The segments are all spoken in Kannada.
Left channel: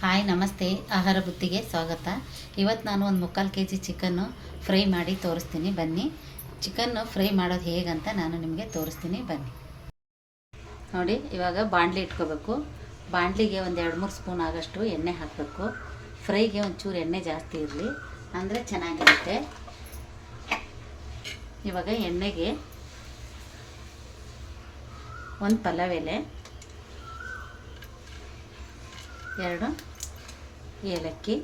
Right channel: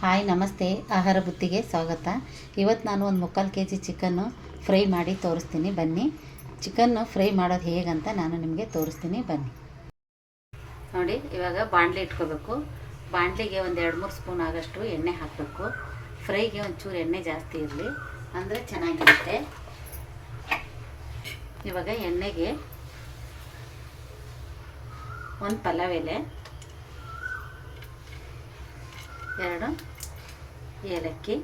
ಹಾಯ್, ನಮಸ್ತೆ. ಆಹಾರ ಬುತ್ತಿಗೆ ಸ್ವಾಗತ. ಇವತ್ತು ನಾನು ಒಂದು ಮುಕ್ಕಾಲು ಕೆ ಜಿ ಚಿಕನ್ನು ಫ್ರೈ ಮಾಡಿ ತೋರಿಸ್ತೀನಿ. ಬನ್ನಿ. ಚಿಕನ್ನು ಫ್ರೈ ಮಾಡೋದು ಹೇಗಂತ ನಾನು ನಿಮಗೆ ತೋರಿಸ್ತೀನಿ. ಬನ್ನಿ. ನೋಡಿ, ಇವಾಗ ಬಾಣಲಿ ಇಟ್ಕೋಬೇಕು. ಬಾಣಲಿಗೆ ಒಂದು ಎರಡು ಮೂರು ಸ್ಪೂನ್ ಆಗೋಷ್ಟು ಎಣ್ಣೆ ಹಾಕಬೇಕು. ಫ್ರೈಗೆ ಒಂಚೂರು ಎಣ್ಣೆ ಜಾಸ್ತಿ ಇರಲಿ. ಅಂದರೆ ಚೆನ್ನಾಗಿರುತ್ತೆ. ಇವಾಗ ಎಣ್ಣೆಗೆ ಒಂದು ಪಲಾವ್ ಎಲೆ ಎರಡು ಏಲಕ್ಕಿ,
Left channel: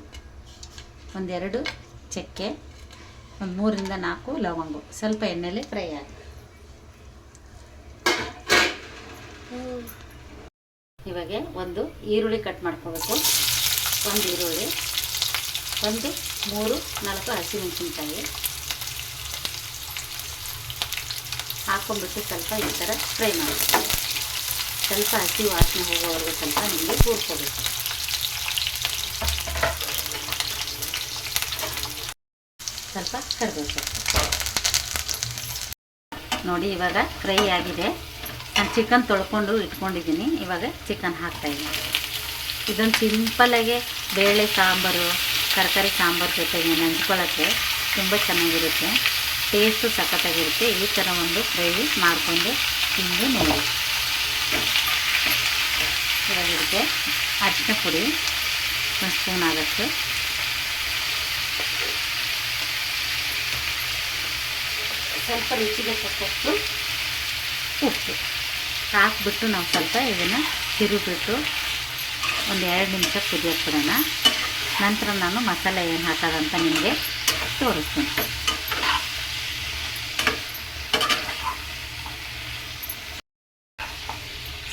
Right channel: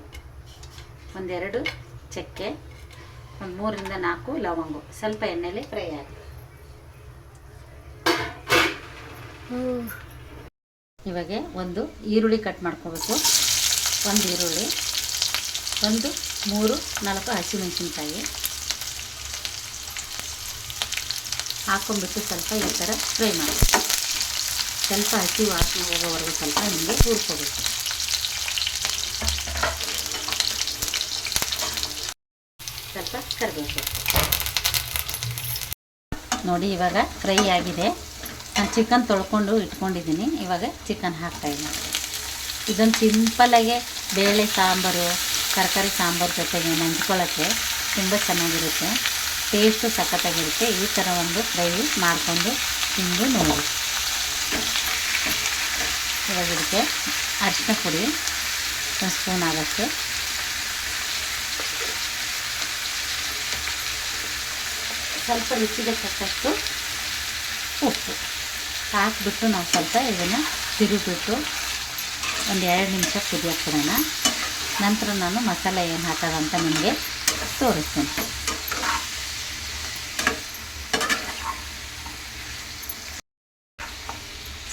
ಒಂದೆರಡು ಚಕ್ಕೆ, ಒಂದು ಮೂರಿಂದ ನಾಲ್ಕು ಲವಂಗು. ಸ್ವಲ್ಪ ಎಣ್ಣೆಯಲ್ಲಿ ಫ್ರೈ ಆಗಿ. ಇವಾಗ ಒಂದು ಈರುಳ್ಳಿ ಕಟ್ ಮಾಡ್ಕೋಬೇಕು. ಒಂದು ಈರುಳ್ಳಿ, ಒಂದು ಮೂರು ನಾಲ್ಕು ಹಸಿಮೆಣಸಿನ್ಕಾಯಿ. ಹಾಕೊಂಡ್ಬಿಟ್ಟು ಸ್ವಲ್ಪ ಈ ಥರ ಫ್ರೈ ಮಾಡಿ. ಸ್ವಲ್ಪ ಹಸಿ ವಾಸನೆ ಹೋಗೋವರೆಗೂ ಸ್ವಲ್ಪ ನಿಮಗೆ ಕೂರ್ಕೋಬೇಕು ಸ್ವಲ್ಪ ಕರಿಬೇಕು ನೋಡಿ, ಇವಾಗ ಫ್ರೈ ಆಗಿದೆ. ನಾನು ಚಿಕನ್ ತೊಳ್ಕೊಂಡು ಇಟ್ಕೊಂಡಿದ್ದೀನಿ. ಇವಾಗ ಚಿಕನ್ ಹಾಕ್ತಾಯಿದ್ದೀನಿ ಇದೊಂದು ಸಿಂಪಲ್ಲಾಗೆ ಬೇಳೆ ಸಾಂಬಾರು, ತರಕಾರಿ ಸಾಂಬಾರು ಜೊತೆಗೆ ನೆಂಚ್ಕೊಳ್ಳೋಕ್ಕೆ ತುಂಬ ಚೆನ್ನಾಗಿರುತ್ತೆ. ಟೇಸ್ಟು ಸಖತ್ತಾಗಿರುತ್ತೆ. ಈ ಥರ ಒಂದು ಫ್ರೈ ಮಾಡಿಕೊಂಡು ತಿಂದು ನೋಡಿ. ಇವಾಗ ಇದಕ್ಕೆ ಅರಿಶಿನ ಪುಡಿ, ಒಂದು ಸ್ಪೂನ್ ಆಗುತ್ತೆ ಸ್ವಲ್ಪ ರುಚಿಗೆ ತಕ್ಕಷ್ಟು ಉಪ್ಪು ಹಾಕ್ಬಿಟ್ಟು ನಾವು ಸ್ವಲ್ಪ ಇದನ್ನು ತಿರುಗಿಬಿಟ್ಟು ಒಂದು ಎರಡು ನಿಮಿಷ ಕುದಿಯೋಕೆ ಬಿಡೋಣ ನಂತರ ನಾನು ಮಸಾಲೆ ಏನು ಹಾಕೋದಂತ ನಿಮಗೆ ತೋರಿಸ್ತೀನಿ.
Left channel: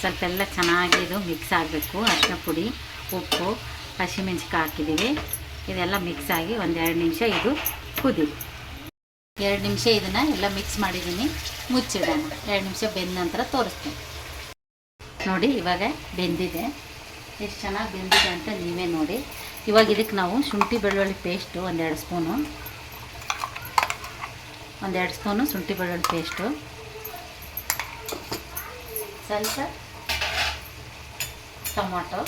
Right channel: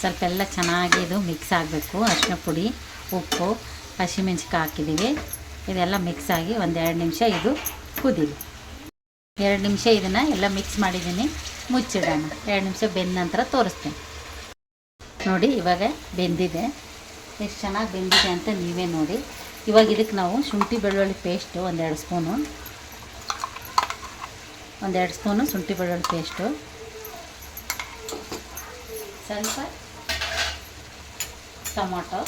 ಸ್ವಲ್ಪ ಎಲ್ಲ ಚೆನ್ನಾಗಿ ಇದು ಮಿಕ್ಸ್ ಆಗಬೇಕು. ಅರಿಶಿನ ಪುಡಿ, ಉಪ್ಪು ಹಸಿಮೆಣ್ಸಿಕಾಯಿ ಹಾಕಿದ್ದೀವಿ. ಇದೆಲ್ಲ ಮಿಕ್ಸ್ ಆಗಿ ಒಂದೆರಡು ನಿಮಿಷ ಇದು ಕುದೀಲಿ ಎರಡು ನಿಮಿಷ ಇದನ್ನು ಎಲ್ಲ ಮಿಕ್ಸ್ ಮಾಡಿದ್ದೀನಿ. ಮುಚ್ಚಿಡೋಣ. ಎರಡು ನಿಮಿಷ ಬೆಂದ ನಂತರ ತೋರಿಸ್ತೀನಿ. ನೋಡಿ, ಇವಾಗ ಬೆಂದಿದೆ. ಎಷ್ಟು ಚೆನ್ನಾಗಿ ಬೆಂದಿದೆ ಅಂತ ನೀವೇ ನೋಡಿ. ಇವಾಗ ಇದಕ್ಕೆ ನಾವು ಶುಂಠಿ ಬೆಳ್ಳುಳ್ಳಿ ಪೇಸ್ಟು ಒಂದೆರಡು ಸ್ಪೂನು. ಒಂದೆರಡು ಸ್ಪೂನು ಶುಂಠಿ ಬೆಳ್ಳುಳ್ಳಿ ಪೇಸ್ಟು ಸ್ವಲ್ಪ ಟೊಮೊಟೊ.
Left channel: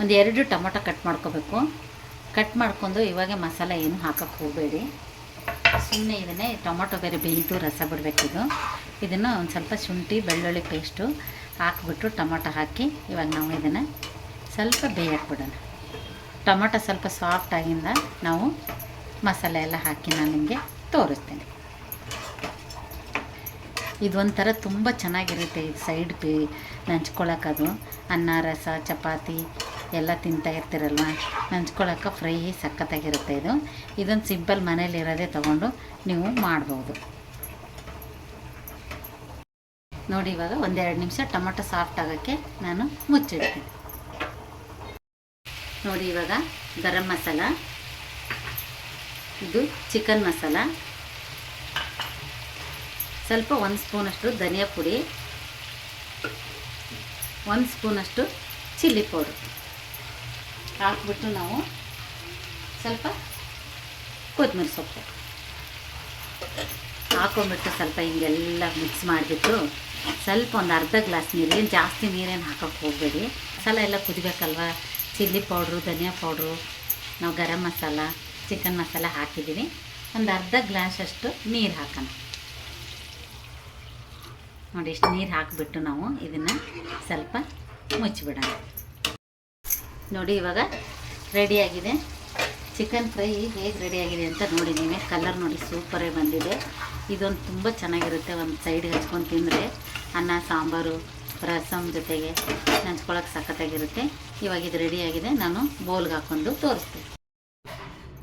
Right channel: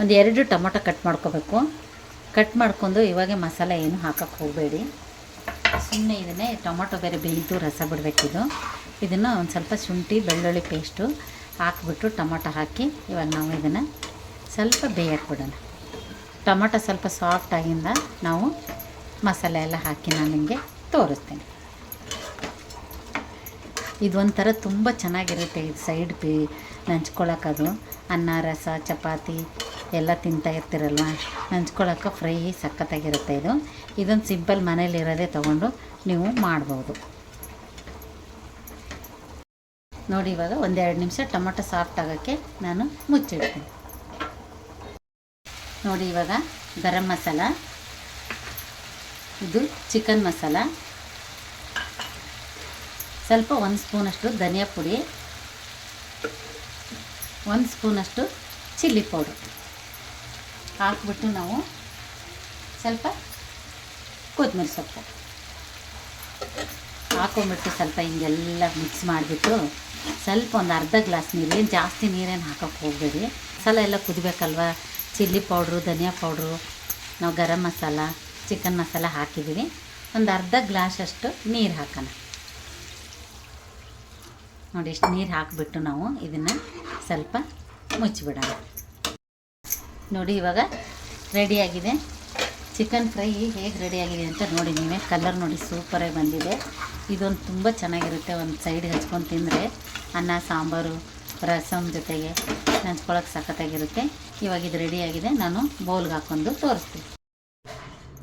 ಒಂದು ಎರಡು ಟೊಮೊಟೊ ಕಟ್ ಮಾಡ್ಕೋಬೇಕು. ಕಟ್ ಮಾಡ್ಕೊಂಡು ಇವಾಗ ಮಸಾಲೆ ಏನು ಹಾಕಕ್ಕೆ ಹೋಗಬೇಡಿ. ಸುಮ್ಮನೆ ಇದನ್ನೇ ಟೊಮೊಟೊ ಬೇರೆ ಬೆಂತು ರಸ ಬಿಡಬೇಕಿದು ಇದನ್ನು ಒಂದು ಸ್ವಲ್ಪ ಶುಂಠಿ, ಬೆಳ್ಳುಳ್ಳಿ ಪೇಸ್ಟು ಹಾಕ್ಬಿಟ್ಟು ಟೊಮೊಟೊ ಹಾಕಿ ಇವಾಗ ನಾವು ಇದನ್ನು ಸ್ವಲ್ಪ ಬೇಯಕ್ಕೆ ಬಿಡೋಣ ಟೊಮೊಟೊ ಸ್ವಲ್ಪ ಸಾಫ್ಟ್ ಆಗಿಂದ ನಾವು ಮಸಾಲೆ ಎಲ್ಲ ಹಾಕಿ ನಾನು ನಿಮಗೆ ತೋರಿಸ್ತೇನೆ. ಇದೊಂಥರ ತುಂಬ ಚೆನ್ನಾಗಿರುತ್ತೆ ಇದು ಸೈಡ್ ಪಿ ನೆಂಚ್ಕೊಳಕ್ಕದು ಅನ್ನ, ರಸ, ಚಪಾತಿ ಎಲ್ಲ ತಿಂತಾ ಇರ್ತೀರಲ್ವ? ನೆಂಚ್ಕೊಳಕ್ಕೆ ಫ್ರೈ ಸಖತ್ತಾಗಿರುತ್ತೆ ಇದು. ಇದೊಂದು ಸಿಂಪಲ್ ಮನೇಲಿರೋದೇ ತೊಗೊಂಡು ನೀವು ಮಾಡ್ಬೋದು. ನೋಡಿ ಇವಾಗ ಒಂದೆರಡು ನಿಮಿಷ ಟೊಮೊಟೊ ಸಾಫ್ಟ್ ಆಗೋಕ್ಕೆ ನಾನು ಮುಚ್ಚಿಡ್ತೀನಿ. ನೋಡಿ ಇವಾಗ ಗರಂ ಮಸಾಲ, ಇದು ಚಿಕನ್ ಮಸಾಲ, ಸ್ವಲ್ಪ ಒಂದು ಸ್ಪೂನಷ್ಟು ಧನಿಯಾ ಪುಡಿ, ಒಂದು ಸ್ಪೂನಷ್ಟು ಚಿಲ್ಲಿ ಪೌಡ್ರ್. ಹಾಕ್ಬಿಟ್ಟು ನಾವು ಸ್ವಲ್ಪ ಕೊತ್ತಂಬರಿ ಸೊಪ್ಪು ಹಾಕೊಂಡ್ಬಿಟ್ಟು ಸ್ವಲ್ಪ ಹಿಂಗೆಲ್ಲ ಮಿಕ್ಸ್ ಮಾಡಿಬಿಟ್ಟು ಸ್ವಲ್ಪ ಒಂದು ಅರ್ಧ ಗ್ಲಾಸ್ ನೀರು ಜಾಸ್ತಿ ನೀರೇನು ಹಾಕೋಕ್ಕೆ ಹೋಗಬೇಡಿ. ಮಸಾಲೆ ಎಲ್ಲ ಕುದಿಬೇಕಲ್ವ? ಚಿಲ್ಲಿ ಪೌಡ್ರು, ಧನಿಯಾ ಪೌಡ್ರು, ನಾವು ಗರಂ ಮಸಾಲ ಚಿಕನ್ ಮಸಾಲ ಹಾಕಿದ್ದೀವಿ. ಒಂದು ಅರ್ಧ ಗ್ಲಾಸ್ ಅಷ್ಟು ನೀರು ಹಾಕೋಣ. ನೋಡಿ, ಇಷ್ಟು ನೀರು ಹಾಕಿಬಿಟ್ಟು ನಾವು ಇದನ್ನು ಸ್ವಲ್ಪ ಮುಚ್ಚಿಬಿಡೋಣ. ನೋಡಿ, ಇವಾಗ ರೆಡಿಯಾಗಿದೆ ಚಿಕನ್ ಫ್ರೈ ಹೇಗೆ ರೆಡಿಯಾಗಿದೆ ಅಂತ ನೋಡಿ ನೀವೇ. ಕಲರ್ ನೋಡಿ ಸೂಪರಾಗಿ ಬಂದಿದೆ. ಇದೊಂದು ತುಂಬ ಚೆನ್ನಾಗಿರುತ್ತೆ. ಒಂದು ಸೈಡ್ ಹಚ್ಕೊಂಡು ತಿಂದರೆ ಅನ್ನ, ಸಾಂಬಾರು ರಸಮ್ ಜೊತೆಗೆ ನಂಚ್ಕೊಳ್ಳೋಕೆ ಸಖತ್ತಾಗಿರುತ್ತೆ. ಇವಾಗ ಇದು ರೆಡಿಯಾಗಿದೆ ನಾನು ಬೌಲ್ಗೆ ಹಾಕ್ಕೊಂಡು ತೋರಿಸ್ತೀನಿ.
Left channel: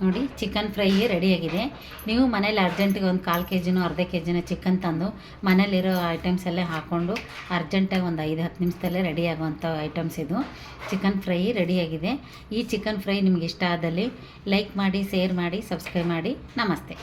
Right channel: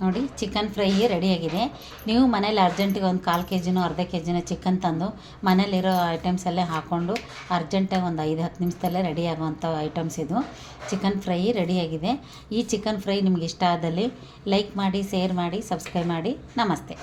ನೋಡಿ ಚಿಕನ್ ಫ್ರೈ ರೆಡಿಯಾಗಿದೆ. ನೀವು ಮನೇಲಿ ಅರ್ಜೆಂಟಿಗೆ ಒಂದು ಕಾಲು ಕೆ ಜಿನೋ ಅರ್ಧ ಕೆ ಜಿನೋ ಚಿಕನ್ ತಂದು ಮನೇಲಿರೋ ಐಟಮ್ಸ್ ಎಲ್ಲ ಹಾಕ್ಕೊಂಡು ಅರ್ಜೆಂಟಾಗಿ ಒಂದು ಐದು ಹತ್ತು ನಿಮಿಷದಲ್ಲೇ ರೆಡಿ ಆಗುವಂಥ ಐಟಮ್ಸ್ ಇದು. ಚಿಕನ್ ಫ್ರೈ ರೆಡಿಯಾಗಿದೆ. ಈ ಚಿಕನ್ ಫ್ರೈ ನಿಮ್ಗೆ ಇಷ್ಟ ಆದಲ್ಲಿ ಲೈಕ್ ಮಾಡಿ ಶೇರ್ ಮಾಡಿ ಸಬ್ಸ್ಕ್ರೈಬ್ ಮಾಡಿ. ನಮಸ್ತೆ.